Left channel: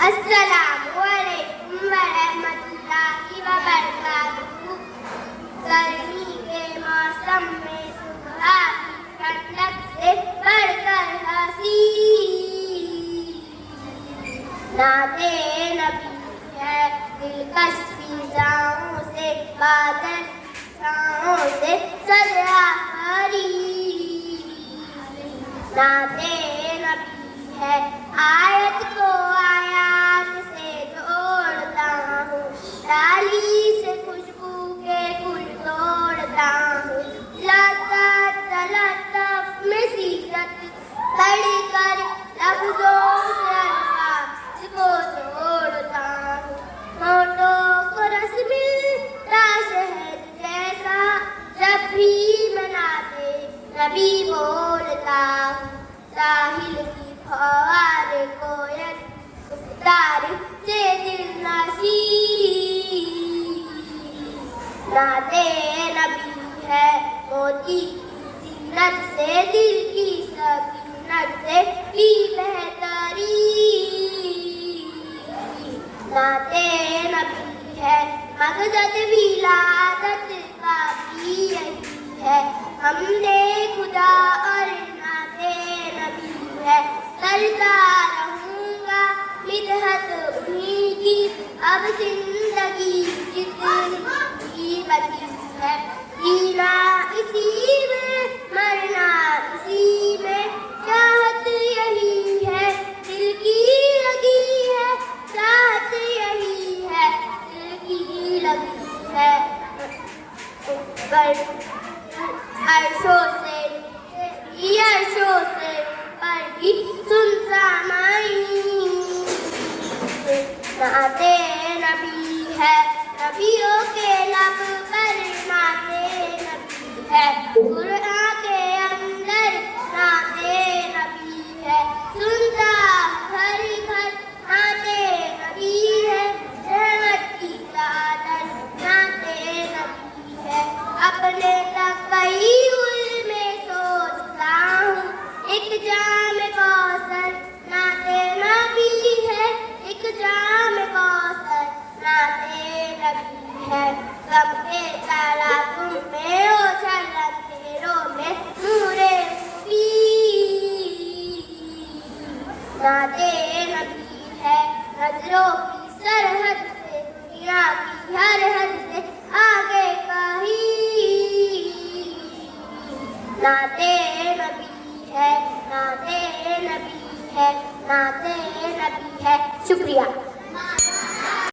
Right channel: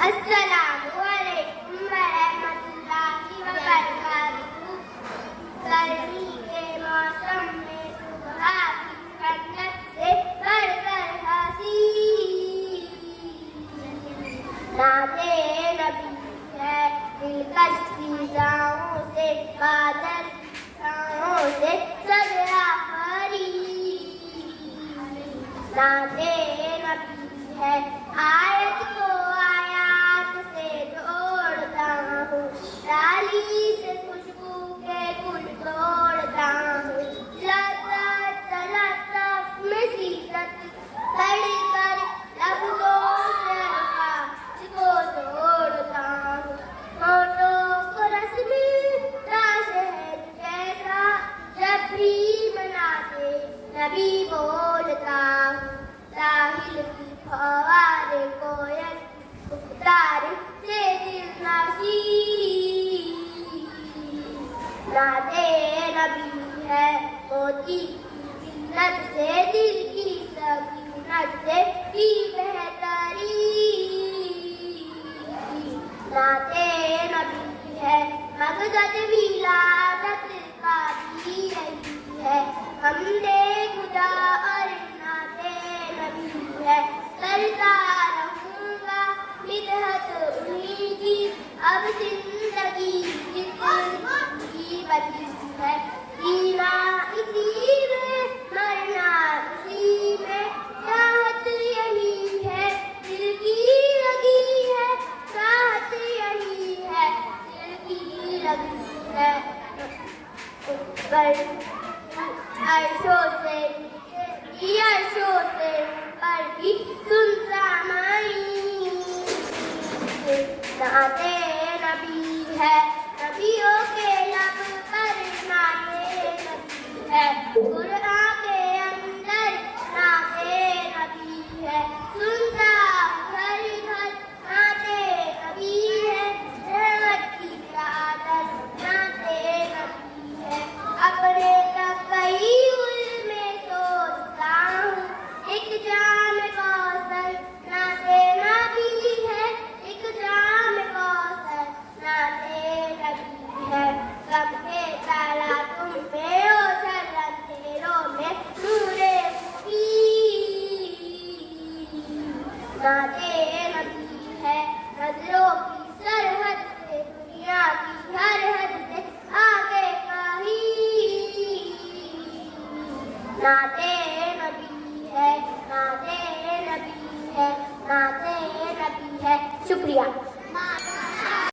अस्सलामुअलैकुम वरहमतुल्लाहि वबरकातुहू। गर्मी के मौसम में सुबह की ठंडक से बढ़कर हंसी नाते नबी है। दिलकश फिजाओं से बादल से सजा भरी नाते नबी है। आयत को आयात से जोड़ता हूँ, डाली से खुशबू के फूल तोड़ता हूँ। लताफ में सीरत पढ़ कर लफ्जों से अल्फाज को तोड़ता हूँ। होठों को रस मिलता शहद जैसा जब भी मनाते नबी बोलता हूँ। साहिल की फव्वारे कोयल तारीफ से दिल नशी नाते नबी है। मोती की जीनत से दिल की सकीनत से भी बेहतरी नाते नबी है। मकसद विलादत का भी यही है। हमने खुदा और नाते नबी है। करता रहूंगा मिदहत उन्हीं की अब जिंदगी जितनी बची है। जीना इसी में मरना इसी में, चाहत यही है दिल की लगी है। चाहत यही है दिल की लगी है। पर अर्शों से अर्शों से पर भी सुनता नाते नबी है। नबियों के लब पर नाते नबी है। कुरान के अंदर नाते नबी है। सुनता घर घर नाते नबी है। रहमत की चादर नाते नबी है। अपने तकय्युल में सोचता हूँ, एक जाम कौसर नाते नबी है। एक जाम कौसर नाते नबी है। गम के तारा तुम में हो शरम तेरों में नूरे भी नाते नबी है। नजरों की सरहद से दुनिया की हर हद से आगे कहीं नाते नबी है। नाते नबी है। नाते नबी है। शुक्रिया।